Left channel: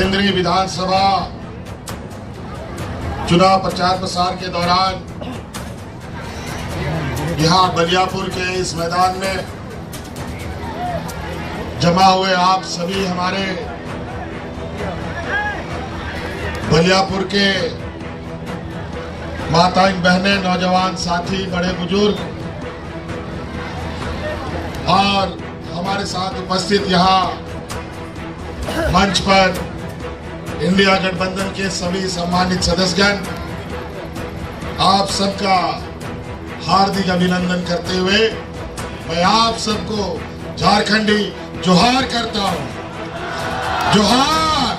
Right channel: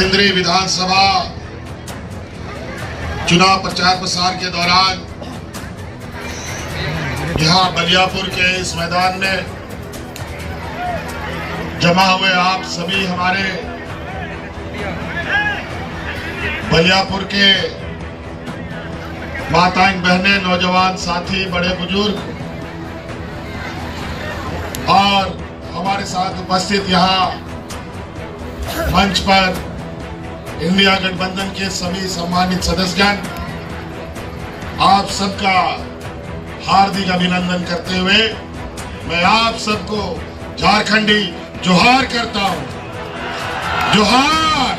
सिंदरी विधानसभा चुनाव प्रचार प्रसार के दौरान यहाँ बलियापुर के इस मैदान में जमा हुए आप सभी हमारे बलियापुर के माताएं बहनें, नौजवान साथी, बड़े बुजुर्ग और हमारे साथ उपस्थित यहाँ मंच पर इंडिया गठबंधन के सभी सम्मानित सदस्यगण, आप सबका हार्दिक अभिनंदन करते हुए मैं आप सबको झारखंडी जोहार करता हूं। जोहार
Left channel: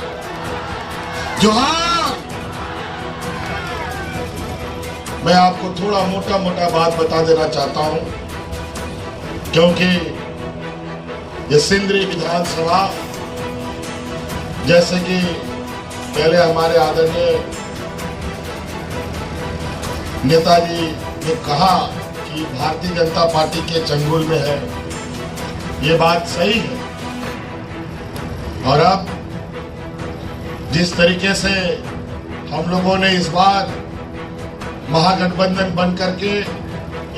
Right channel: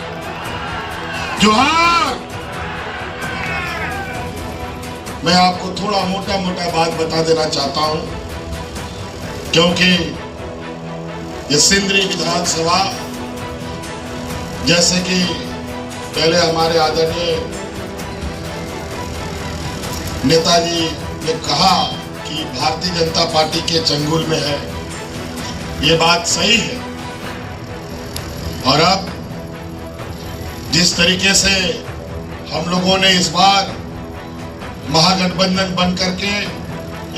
जोहार। मैं आपको थोड़ा मोटा मोटा बात बता देना चाहता हूं, क्योंकि ये सिंदरी विधानसभा, जैसे कि पहले हमारे आदरणीय नेताजी ने कहा कि भारतीय जनता पार्टी के चंगुल में है, ये बात सही है। और अब जिस तरीके से हम लोगों ने इस बार महागठबंधन बन करके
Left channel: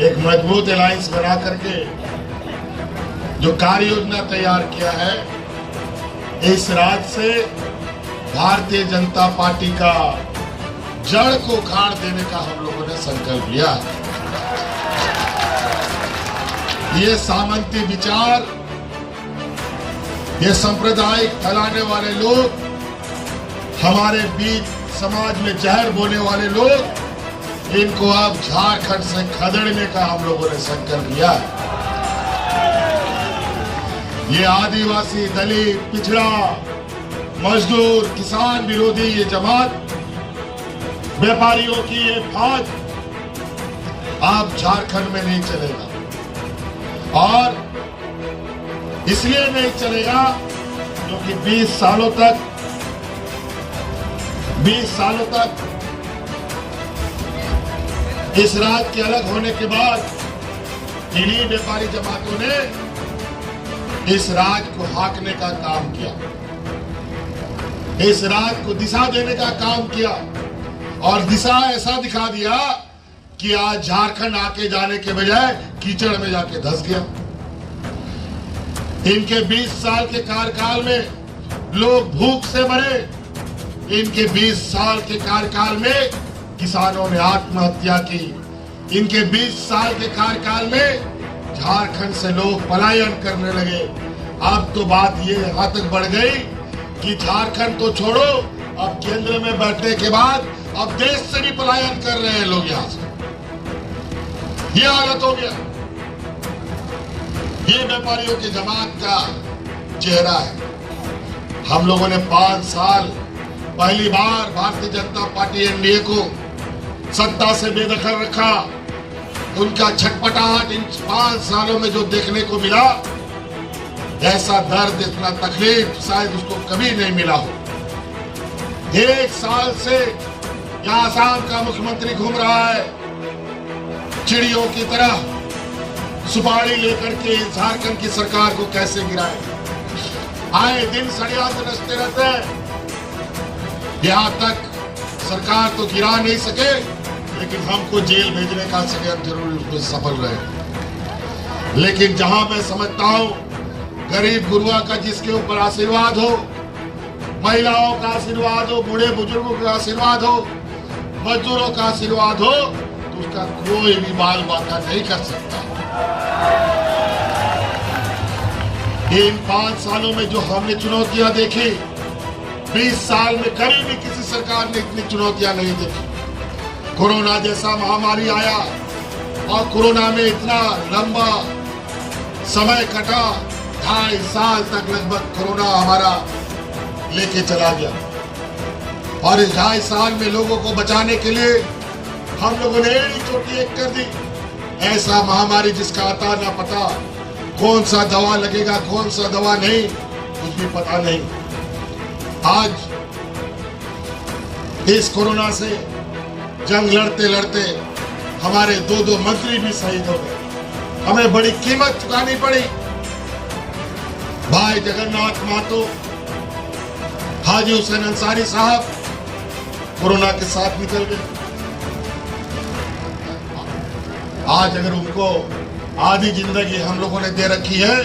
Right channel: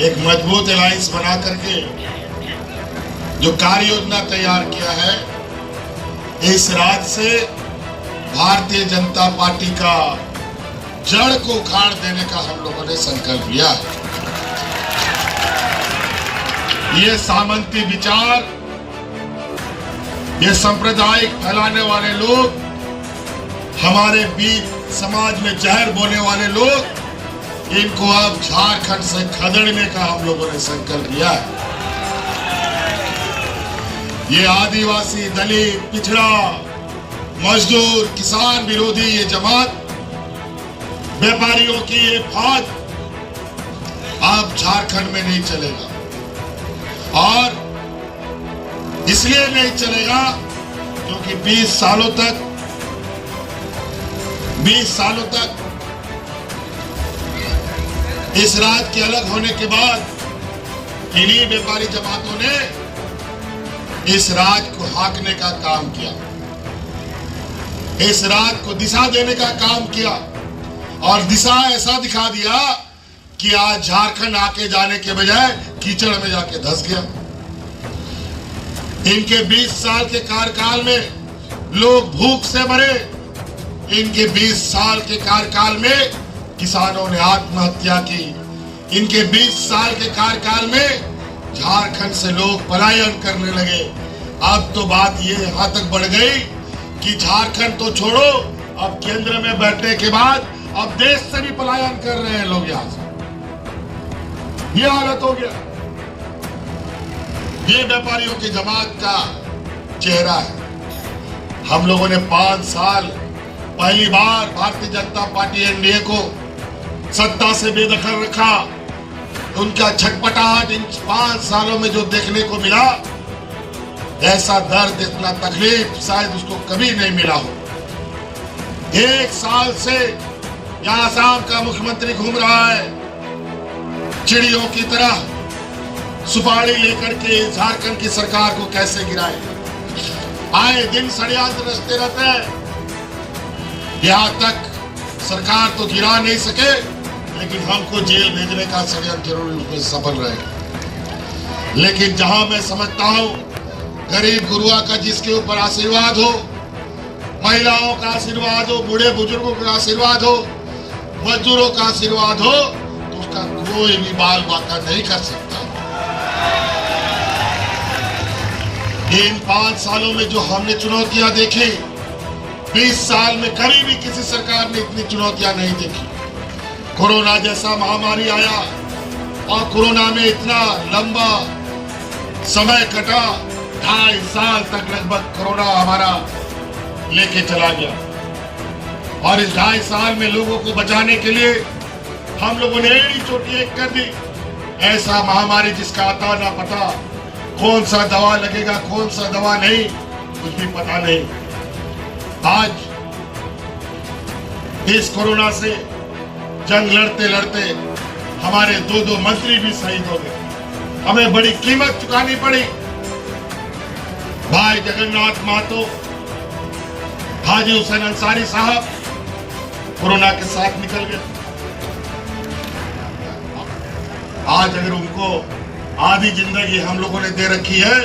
एक मजबूत अलायंस बना करके जो कार्य योजना तैयार किया है, इस राज्य से भारतीय जनता पार्टी का जड़ को उखाड़ देने का हम लोगों ने संकल्प लिया है। ये सामंती विचार, ये सांप्रदायिक फैलाने वाले लोग, हमारे बीच समाज में जहर बोने वाले लोग, इनको अब झारखंड से खदेड़ने का हम लोगों ने संकल्प लिया है। ये आदिवासी, दलित, पिछड़ा, मजदूर, किसान विरोधी ये जमात, व्यापारियों की ये फौज अब झारखंड में नहीं चलेगा। और इसलिए नहीं चलेगा क्योंकि 20 सालों तक इस राज्य के अलग होने के बाद इन्हीं व्यापारी जमातों ने इस राज्य को हाँकने का काम किया, इस राज्य को दिशा देने का काम किया, और दिशा ऐसा दिखा दिया कि आज झारखंड आके जाने के बजाय कीचड़ में जाके धंस गया। इनके 20 साल के कार्यकाल में लोग भूख से मरे, इनके 20 साल के कार्यकाल में किसानों ने आत्महत्या की, इनके 20 साल के कार्यकाल में झारखंड से लोग पलायन करने लगे। अब तो बात ये यहां तक बढ़ गई कि झारखंड तो छोड़ो, अब केंद्र में बैठने के बाद अब देश से भी पलायन कर रहे हैं लोग यहां से। ये हालत हो गया। ये व्यापारियों की जमात का चेहरा है। हम लोगों ने 5 साल पहली बार भारतीय जनता पार्टी एनडीए को सत्ता से बेदखल रखा। उनका छटपटाहट इन 5 सालों में जो देखने को मिला, ऐसा दर्द, इतना तकलीफ शायद उसको कभी नहीं मिला हो। 1 साल से यहाँ आसाम का मुख्यमंत्री घूम रहा है, चिड़ियों की तरह सुपारी लेकर के झारखंड की सरकार को कैसे गिराए। आए दिन षड्यंत्र रचते रहते हैं। यहाँ तक सरकार तो गिरा नहीं सके, लेकिन हमको जेल भेजने का षड्यंत्र जरूर उसमें सफल रहे। लेकिन जहां मैं समझता हूं गरीब गुरुआ का जिसके ऊपर आशीर्वाद हो, महिलाओं का आशीर्वाद हो, बूढ़े बुजुर्गों का आशीर्वाद हो, मजदूरों का आशीर्वाद हो, तो उसका कोई भी बाल बाका नहीं कर सकता। इन 5 सालों में जो हमने चुनौतियां देखी, 20 साल में कभी भी किसी सरकार ने इतनी चुनौतियां नहीं देखी। कोरोना जैसा महामारी आया और कोरोना में इतना लंबा समय कटा, 2.5 साल तक लगभग कोरोना हमारा लेके चला गया। और इस 2.5 साल में लोगों को बचाने के लिए हम लोगों ने एक चोटी एक कर दी। ऐसा महामारी जिसका आता ना पता, कौन सा दवा लगेगा, कौन सा दवा नहीं, कुछ भी पता नहीं। आज इस कोरोना से जंग लड़ते लड़ते हमारे 2 मंत्री भी शहीद हो गए। हमें बड़ी कीमत चुकानी पड़ी। भाई जगन्नाथ महतो हाजी हुसैन अंसारी साहब कोरोना के साथ निकल गए। आज अगर उनको आधी जिंदगी हम लोगों ने दे रखी है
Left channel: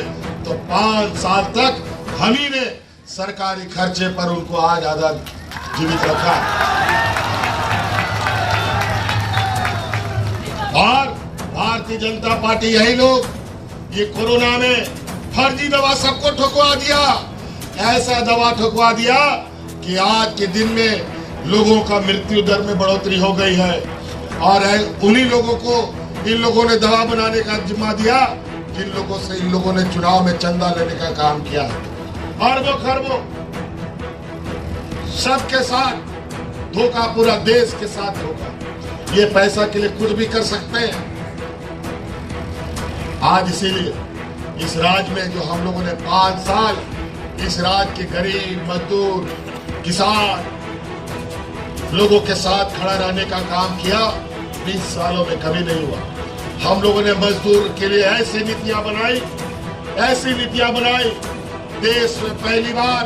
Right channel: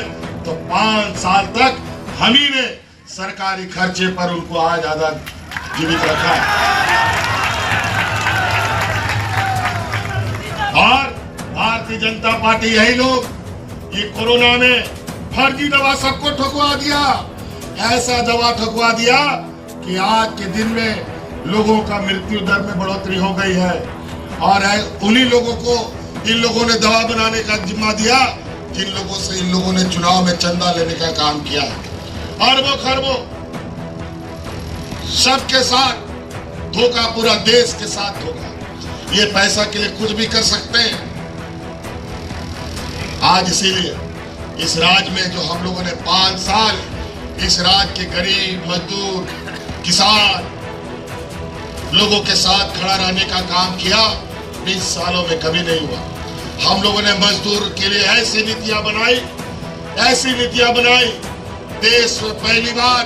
तो 5 साल तक हम ही ने सरकारी खर्चे पर उनको आज आजाद जीवित रखा। और भारतीय जनता पार्टी यही लोग ये कोरोना में फर्जी दवा सबको ठुकवा दिया, ऐसा दवा ठुकवा दिया कि आज के दिन में लोगों का मृत्यु दर में बढ़ोतरी हो गई है। और उन्हीं लोगों को इन लोगों ने दवा बनाने का जिम्मा दिया जिन लोगों से इन लोगों ने चुनाव में चंदा लेने का काम किया। अरबों खरबों सबके साथ धोखा, पूरा देश के साथ धोखा। ये पैसा के लिए कुछ भी कर सकते हैं। आज इसीलिए इस राज्य में जो हम लोगों ने 5 साल इस राज्य के गरीब, मजदूर, किसान लोगों के साथ खड़ा रहने का काम किया, 20 सालों में कभी नहीं हुआ। हम लोगों ने मजदूर के लिए ऐसी नीतियां बनाई, देश में पहली बार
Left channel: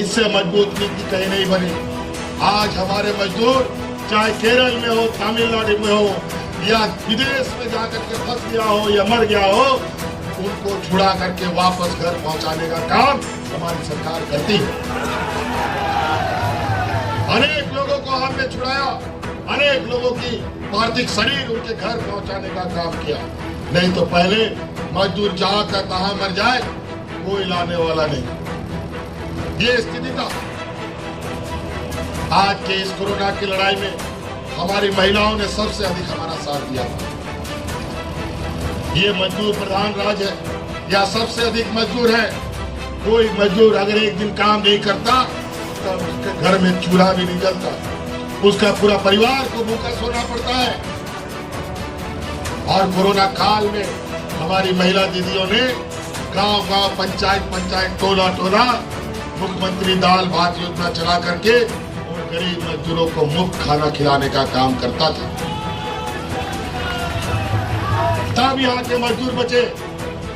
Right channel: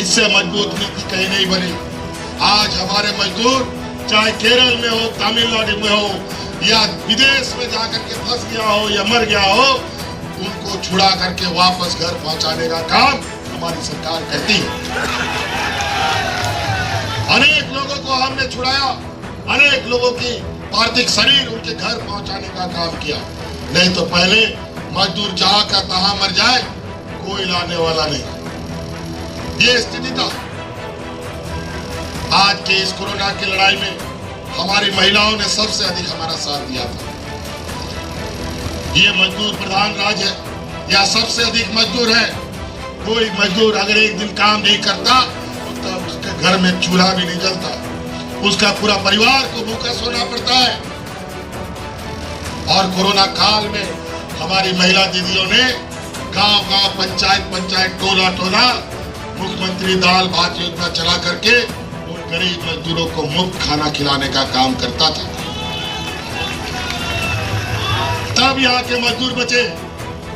इससे मजबूत नीति कहीं नहीं बनी। आज हमारे मजदूर चाहे केरल में हो, तमिलनाडु में हो या विदेश में जाकर के फंस गया हो या मर गया हो, उनको छुड़ा करके वापस घर पहुंचाने का काम हमारी सरकार करती है। अनेक लोगों को हमने छुड़ाया, अनेक लोगों की पार्थिव शरीर उनके घर पहुंचाने का काम किया। नहीं तो पहले मजदूर जहां का तहां मर जाए, कोई लाने वाला नहीं। ये स्थिति था। आज के इस कोरोना की लड़ाई में हमारी महिलाओं ने सबसे अधिक हमारा साथ दिया था। ये मजदूर प्रधान राज्य है या सबसे अधिक मजदूर है। कोई मजदूर अगर एक दिन काम नहीं करता तो उसके घर में चूल्हा भी नहीं जलता, उसका पूरा परिवार को भूखा सोना पड़ता है। और कोरोना काल में हमारी महिला दीदियों ने गांव-गांव, पंचायत, टोला मुख्यमंत्री दाल भात योजना चला करके उन गरीब मजदूरों को मुफ्त खाना खिलाने का काम करता था। तब यहाँ के मजदूर बचे।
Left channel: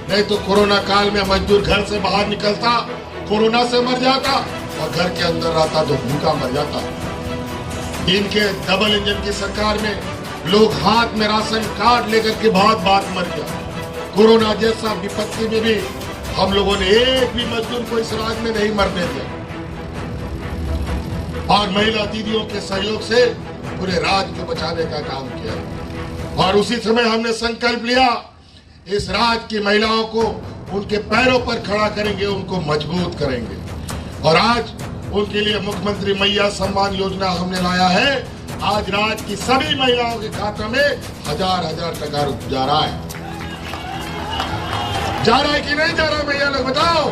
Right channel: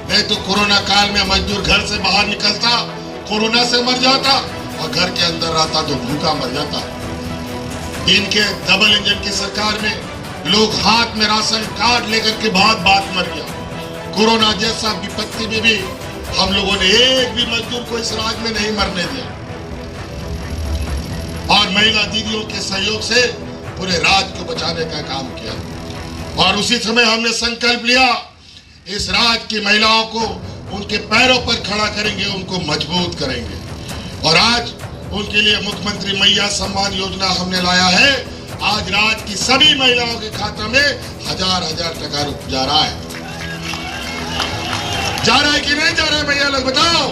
नहीं तो कोरोना काल में मजदूर घर से बाहर निकलता, कोरोना से मर जाता, और घर के अंदर रहता तो भूखा मर जाता। इनके डबल इंजन की सरकार में लोग हाथ में राशन कार्ड लेकर के बात मर गया। कोरोना जैसा विपत्ति में भी हम लोगों ने एक भी मजदूर को इस राज्य में नहीं मरने दिया। और महिला दीदियों के सहयोग से पूरे राज्य को बचाने का काम किया। और उसी समय हमने संकल्प लिया, इस राज्य की महिलाओं को उनके पैरों पर खड़ा करेंगे, उनको मजबूत करेंगे। और आज उनके लिए मुख्यमंत्री मैया सम्मान योजना हमने लाया है। आज राज्य की सभी महिलाओं के खाते में 1000 टका जा रहा है। जा रहा है कि नहीं जा रहा है भैया लोग बताओ?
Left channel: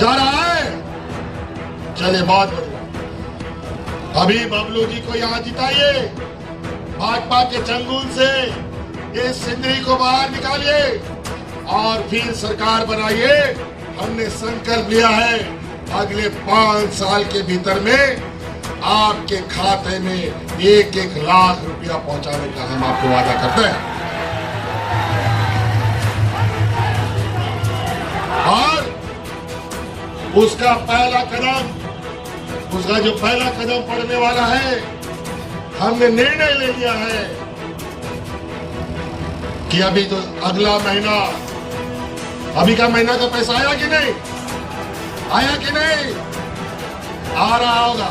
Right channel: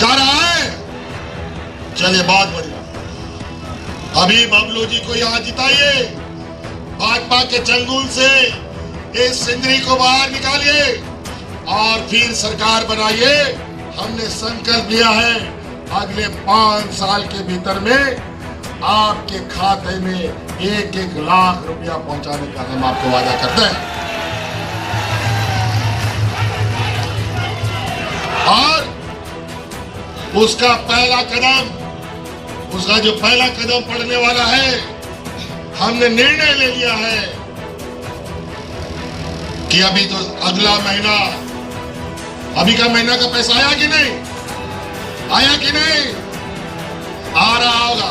जा रहा है। चलिए बहुत बढ़िया। अभी बबलू जी को यहाँ जिताइए, भाजपा के चंगुल से इस सिंदरी को बाहर निकालिए और फिर सरकार बनाइए। हमने संकल्प लिया है अगले 5 साल के भीतर में आपके खाते में 1-1 लाख रुपया पहुंचाने का हम आपको वादा करते हैं। और उसका जो पहला कदम पड़ने वाला है, हमने निर्णय ले लिया है कि अभी तो अगला महीना, अभी का महीना का पैसा आया कि नहीं? आया कि नहीं? आ रहा होगा।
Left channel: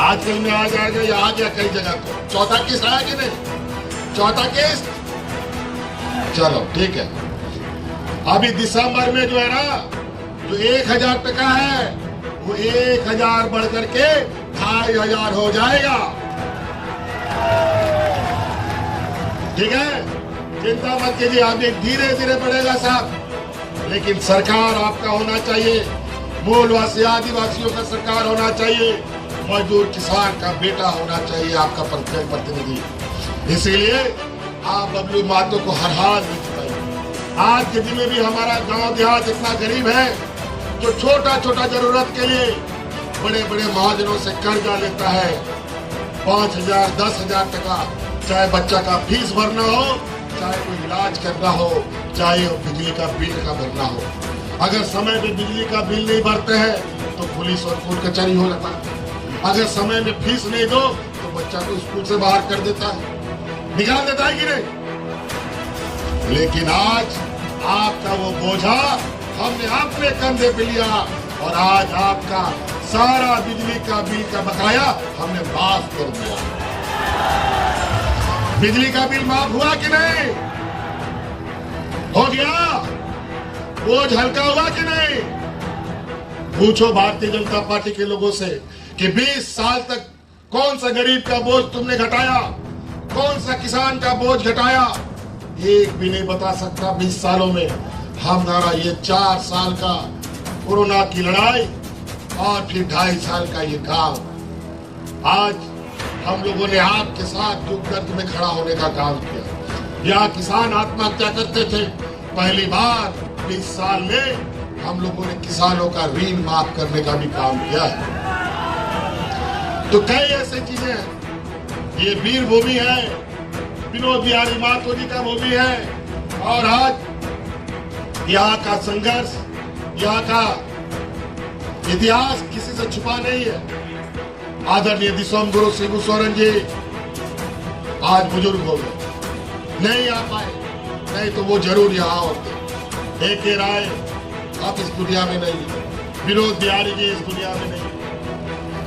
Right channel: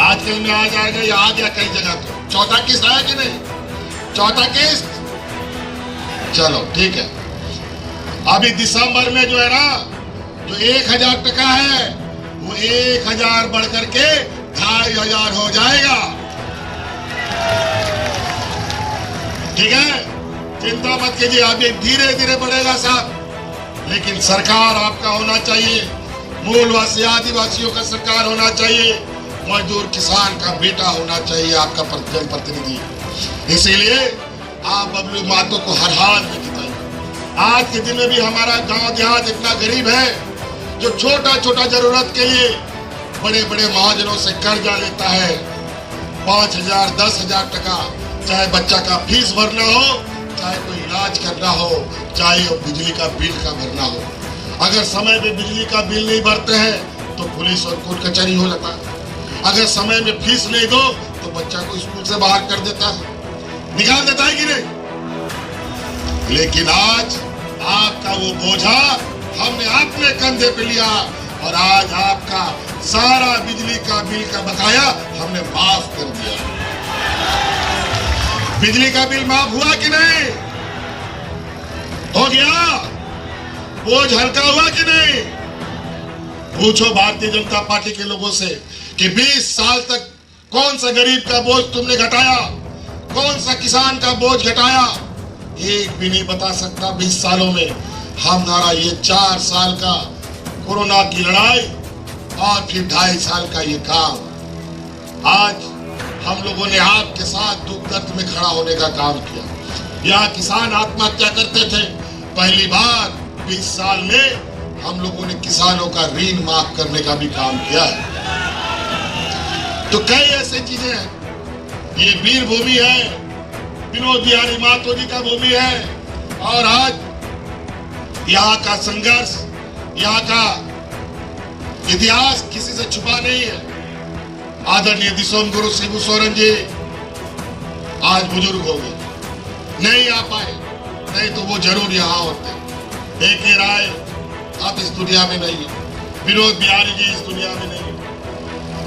आजकल में आ जाएगा या आ गया कई जगह तो। चौथा किस्त आया कि नहीं? चौथा किस्त, चलो ठीक है। अभी दिसंबर में जो है ना, जो 1000 टका है वो 1000 बढ़ करके 2500 हो जाएगा। ठीक है, चिंता मत कीजिए। अभी धीरे धीरे बढ़ेगा साहब, लेकिन सरकार आपका होना चाहिए। मूलवासी आदिवासियों का सरकार होना चाहिए। मजदूर किसान का बेटा होना चाहिए आपका जनप्रतिनिधि। इसीलिए आप बबलू महतो को हर हाल में जिताइए। आज के दिन में भी हमारा गांव देहात इतना गरीब है जो छोटा छोटा जरूरत के लिए बड़े बड़े महाजनों से कर्जा लेता है। 5000, 10,000 टका, चाहे बच्चा का फीस भरना हो, चाहे कोई इलाज करना हो, चाहे बिजली का बिल का भरना हो। अगर समय पे बिजली का बिल नहीं भरते हैं अब तो पुलिस और कोर्ट कचहरी हो जाता है। अगर समय में फीस नहीं दो तो बच्चा को स्कूल से बाहर कर देता है, निकाल देता है कि नहीं। लेकिन आज आपका वो बोझा हमने अपने कंधे पे लिया और आज आपका सारा बिजली का बिल का बकाया हमने माफ कर दिया। बिजली का बिल माफ हुआ कि नहीं? हो गया? बोझ हल्का हुआ कि नहीं? पूछो भारतीय जनता पार्टी के लोगों से कि 20 साल तक कौन सा गरीब का बोझ तुमने घटाया, कौन सा किसान का बोझ घटाया? एक भी नहीं बता सकता। 20 सालों में हमारा ये 4 साल का कोरोना की लड़ाई और फिर 2.5 साल का ये काम, आज हम लोगों ने आपके साथ दुख दर्द में खड़ा होने का काम किया। यहाँ किसान आत्महत्या करते थे, पहली बार 20 साल में हम लोगों ने किसानों का ऋण माफ करने का भी काम किया है। तो कई ऐसी चीजें हैं। ये वीर भूमि है, विनोद बिहारी मातो जी का भूमि है और आज यहाँ का संघर्ष, यहाँ का इतिहास किसी से छुपा नहीं है। आदरणीय दिसोम गुरु शिबू सोरेन जी आज बुजुर्ग हो गए, नहीं आ पाए, नहीं तो वो जरूर यहाँ होते। एक राय आप इस दुनिया में नहीं, विनोद बिहारी जी इस दुनिया में नहीं।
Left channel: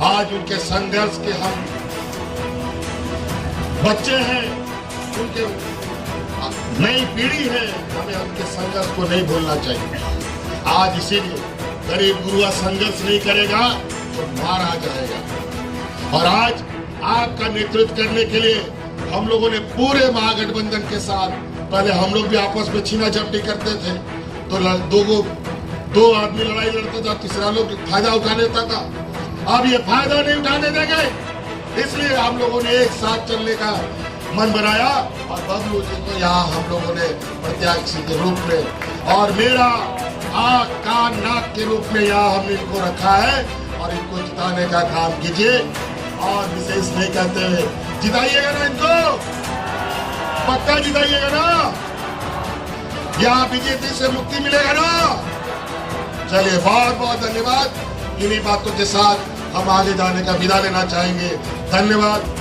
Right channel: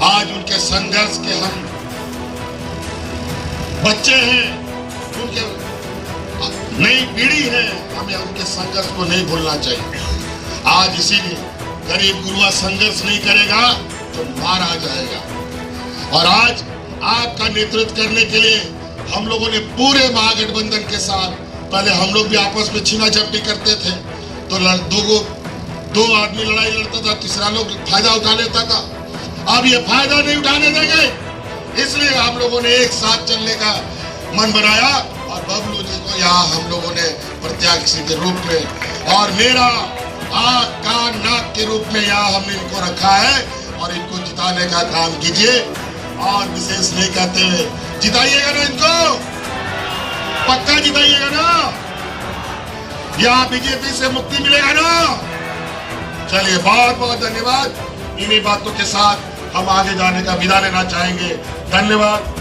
आज उनके संघर्ष के हम बच्चे हैं, उनके नई पीढ़ी है, हमें उनके संघर्ष को नहीं भूलना चाहिए। आज इसीलिए गरीब गुरुआ संघर्ष नहीं करेगा तो मारा जाएगा। और आज आपका नेतृत्व करने के लिए हम लोगों ने पूरे महागठबंधन के साथ, पहले हम लोग भी आपस में छीना झपटी करते थे तो दो आदमी लड़ाई लड़ता था, तीसरा लोग फायदा उठा लेता था। अब ये फायदा नहीं उठाने देंगे, इसलिए हम लोगों ने एक साथ चलने का मन बनाया और बबलू जी को यहाँ हम लोगों ने प्रत्याशी के रूप में और मेरा आँख कान नाक के रूप में यहाँ हमने इनको रखा है और इनको जिताने का काम कीजिए। और विशेष नहीं कहते हुए जिताइएगा ना, इनको पक्का जिताइएगा ना, यहाँ बीजेपी से मुक्ति मिलेगा ना। चलिए, बहुत बहुत धन्यवाद। इन्हीं बातों के साथ हम आगे जाने का विदा लेना चाहेंगे। धन्यवाद।